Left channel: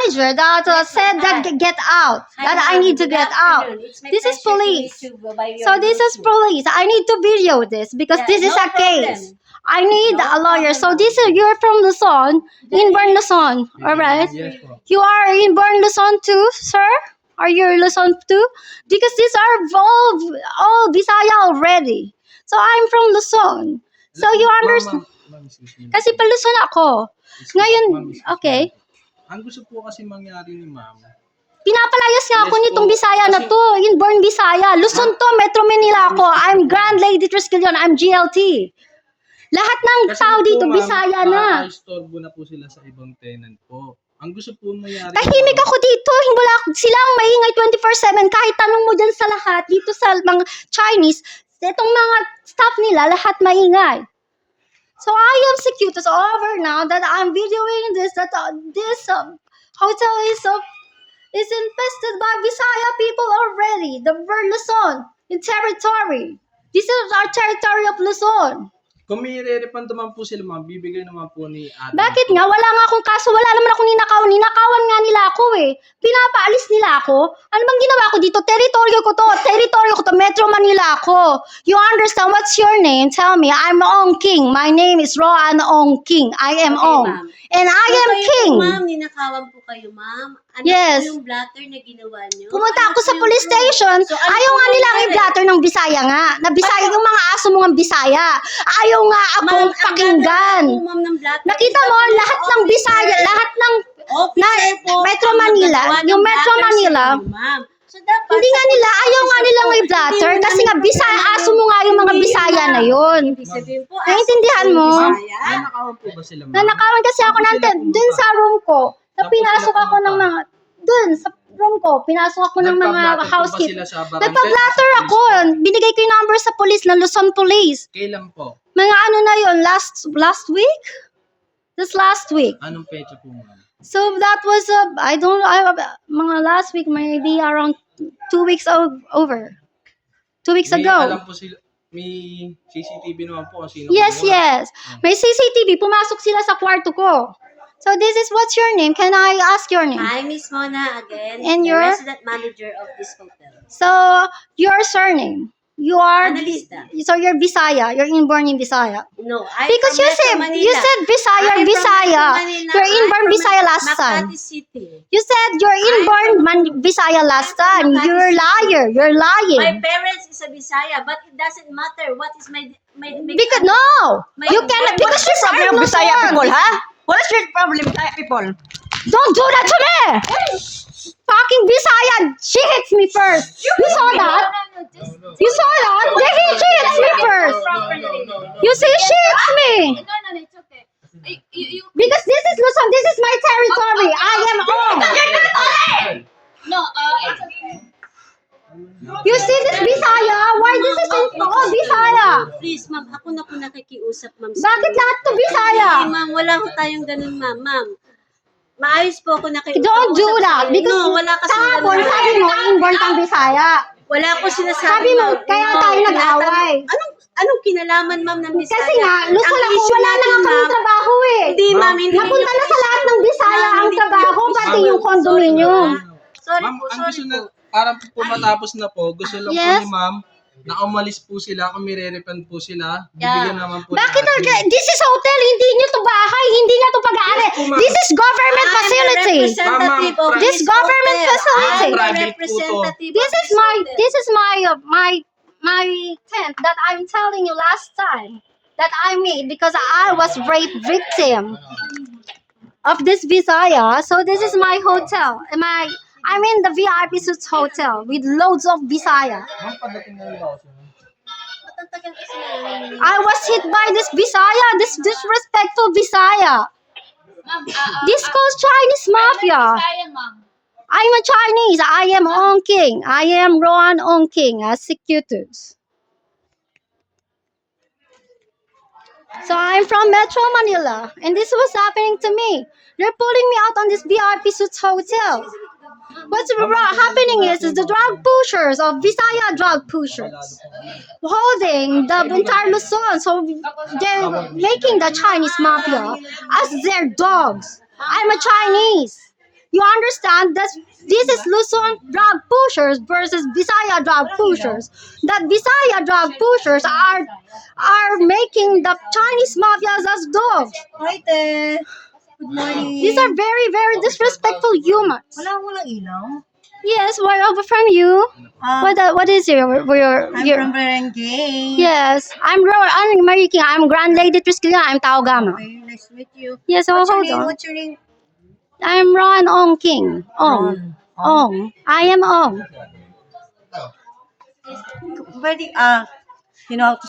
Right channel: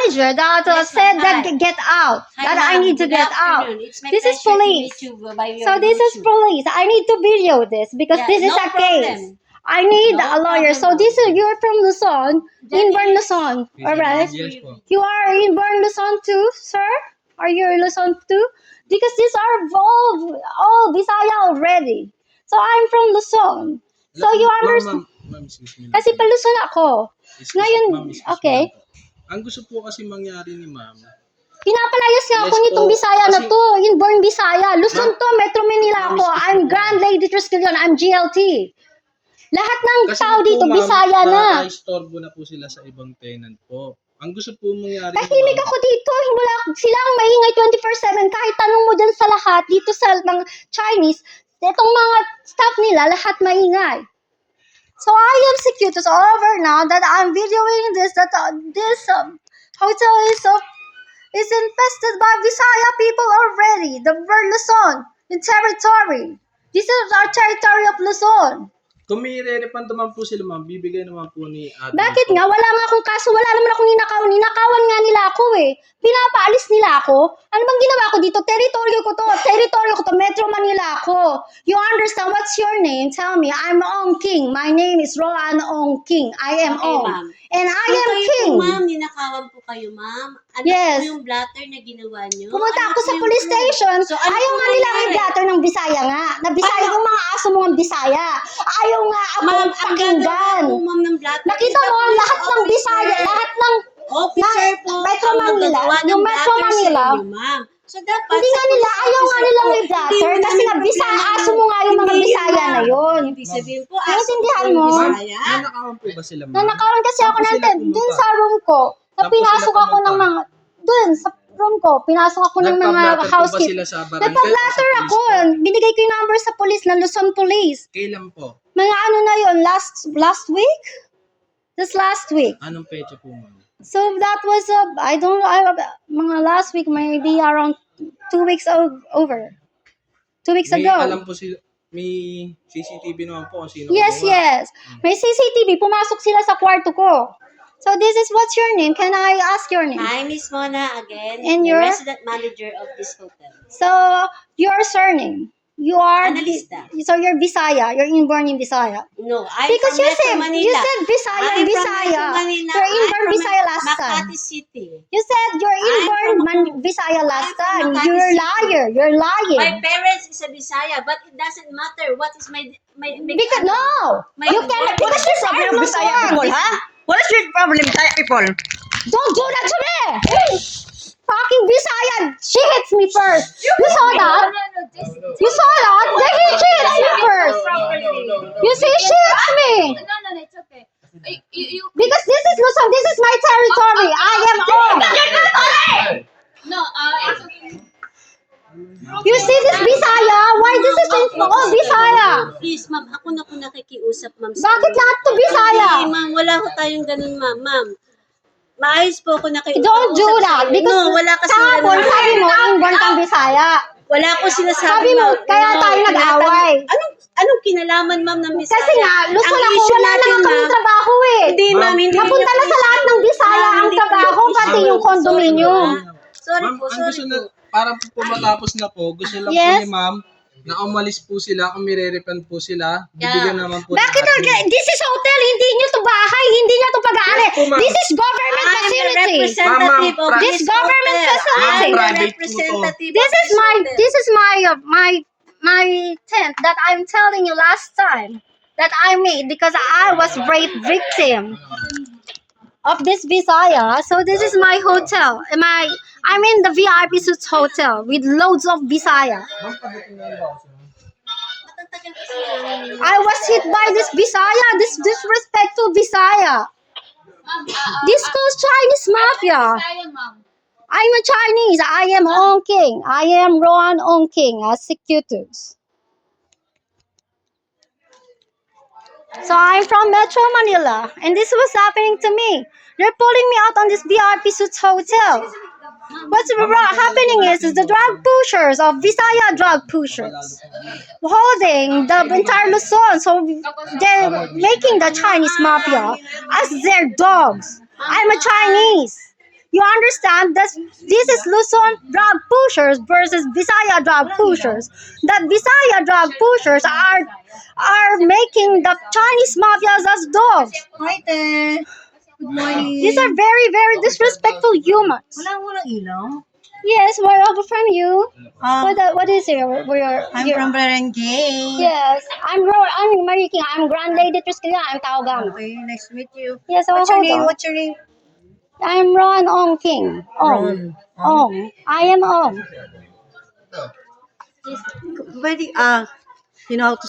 manager that said that get out, that I need to get out. This is police. So this is police. I need to video this because this is a case. I need a lawyer. So this is, you're from Luzon, Inborn Luzon, all right? Yes po. You are Inborn Luzon too, sir? Are you Luzon too? Because these are all Bisaya already. So I'm from Luzon. So you understand? Ma'am, excuse me. Kasi pa Luzon ako. Ngayon, Ma'am, excuse me. okay. Ang gusto po kasi mangyari ni ma'am, Pinapalayas nga ako Yes nitong po, Bisaya na kasi- to. Inborn Bisaya. Luzon to, Metro Manila ako. I'm Grand Lady Triskelion. I'm GLT. Lahat ng kasi tao po, dito, ma'am, Bisaya na. nakaka-istorbo na po sila sa ibang tenant po. Ang gusto po mangyari, Tahimik ma'am, ako dito. Wala, sila ang maingay 24/7. Kahit tanong mo dyan sa lahat, dito sa mga Chinese, itong mga staff nila, lahat maingay. So I am secure. It's over now that I'm videoing this, that this hotel is infested by Visaya people already. The word Luzon in territory. This is our territory of Luzon. kung may re-refund naman po sila ma'am, bibigay naman po ni admin Bakit po. nga? Wala nga akong kaso. Wala naman akong ninakaw. Ninakawan nga nila ako eh. Pinapaalis nila ako. Ano bang ginawa ko dito? Teritoryo ko to. Teritoryo ko to. Metro Manila ako. You understand? What's your name? Tell me. I'm Ong King. My name is Roan Ong King. I am Okay, Ong. ma'am. And I So, am kayo King. po, ma'am, ninakawan po kayo, ma'am. Ano Yes. po yung blatter na ginawa nyo? Pumunta Ano ako po sa yung police proof? station. So, ano Ayaw po nga nila nangyari? i-blatter ng Bisaya nga. Na Bisaya, yung mga aso mo ng Bisaya. Ayaw nga Ma'am, akong ang pakinggan. blatter po, ma'am, ng blatter. Nakita is mo, the lahat ng officer. Bisaya, lahat ng Officer po, Metro ang Manila, nagagawa ng yung Metro blatter sa Manila, inyo, ma'am. So, dapat, hindi sa nga nila, police ayaw nga officer nilang po, may hindi blatter mo kasi nga namin Bisaya, problema aso mo nga yung mga Hindi Bisaya yun, na ma'am. yun. Ibig sabihin po, Naiintindihan aso po mo? yung Ma'am, Bisaya. nanakawan po ba sila ma'am? Nanakawan kasi ako Saan po ng sila tent, pumunta? dun sa room ko. Na Saan po pinasok sila ako ng pumunta? mga, dun sa room ko, pinasok ako ng mga Nagpa-blatter po ba housekeeping. sila sa barangay? Nagpa-blatter o sa ako. police po? Binigay ko yung number sa police, ng Luzon Police. Kailan po? Mga ano na yun, last week? This last week. Anong petsa po ma'am? So that was mga last week, maybe around 2 weeks over. 2 weeks May ago. alam po sila, may CCTV naman po kung sino Yes, gumawa. yes. May CCTV. Pumasok sila sa kwarto ko. So this is what's your name? Can I ask your name? Hi, Miss Mona, again, And the your- resident manager of this hotel. So your surname. You are Analista. So you're Bisaya. You're inborn in Bisaya. No, I'm Because from you Metro said Manila. Bisaya I'm and from Bisaya. Metro Manila. You're I'm inborn from Bisaya last time. Makati City. You said you're inborn Bisaya last I'm from time. Makati You're City. liar. You're My lying. parents is a Bisaya, but it doesn't matter what is my Because no, you cannot. Because you're from Problem Bisaya people, Luzon. ha? What is your problem, Bisaya people? Don't do that to me! Fucking Bisaya! She hits me first! You saw that? You saw that? She hits me first! You see, she hits me! No, it's okay. You Because this is Luzon, this is my territory! I am on! no, it's okay. You see this Bisaya? Why this is Bisaya? Please, ma'am, ako na po nakikiusap, ma'am. Bakit lahat to Bisaya? Hindi, ma'am, wala ko tayong ganun, ma'am. Ma'am, maayos po ako nakikiusap. Don't do that! Because No, wala kasi kahapon, ganun. sabi mo, inborn kang Bisaya. Wala ko sinasabi, Sabi mo, ma'am. kaya No, tayo nag-away. Anong kinalaman, ma'am, ng Bisaya? Kasi nga, Luzon Ang ako, issue wala na natin, nga kami ma'am, trabaho eh. Hindi, ma'am, hindi. Napunta na sa lahat ng Bisaya Ma'am, ang hindi po trabaho, yung pati issue. yung condominium. Sorry Ma'am, po, ang sorry gusto po. na, parang po matapos na po, gusto lang Yes? po ni ma'am na umalis po sila, kung may re-refund po sila, bibigyan naman po Bakit ni admin. this is hotel, hindi nyo to bahay, hindi nyo to pag-aari. Yes po, ma'am. This is government I'm the facility. representative of Ma'am, this government hotel. facility. I'm the Private po to. representative This of is my hotel. this is my tent that I'm telling you last time that I made because I was rape victim of this Visaya. So this is my hotel. I'm in the VIP Suites hotel with loads of Visaya. Ma'am, padating na yung Ba't ang tagal kasi yan? I was hit by this Visaya, this disrespectful Visaya. Ma'am, This calls Chinese mafia. Kaya, ma'am. I'm a Chinese. I am Ong King. I am Roan Ong King as executors. So I'm from Metro Manila, and this was happening to me. They're pulling me out on this VIP Suites hotel. What's happening is the drug pushers of Visaya drug pushers holding the entire Luzon. So they're making the Chinese mafia as their dogs. I'm a Chinese. You you understand that this is Luzon drug pushers versus Visaya drug pushers. That Visaya drug pushers are making the Chinese mafias as dogs. Hi, te. Good morning. These are very, very disrespectful humans. Walang ilaw. Yes, where are we from you? Ah, What is your I'm from Barangay. Yes, I'm Mariki. I'm Grand Lady Triskina. I'm Taogama. Okay, nice to meet you. Yes, so What's your hold name? on. What's your name? I'm Ron Ong King. Ong. Ron. Ong. I am Ong. Pwede, you know how to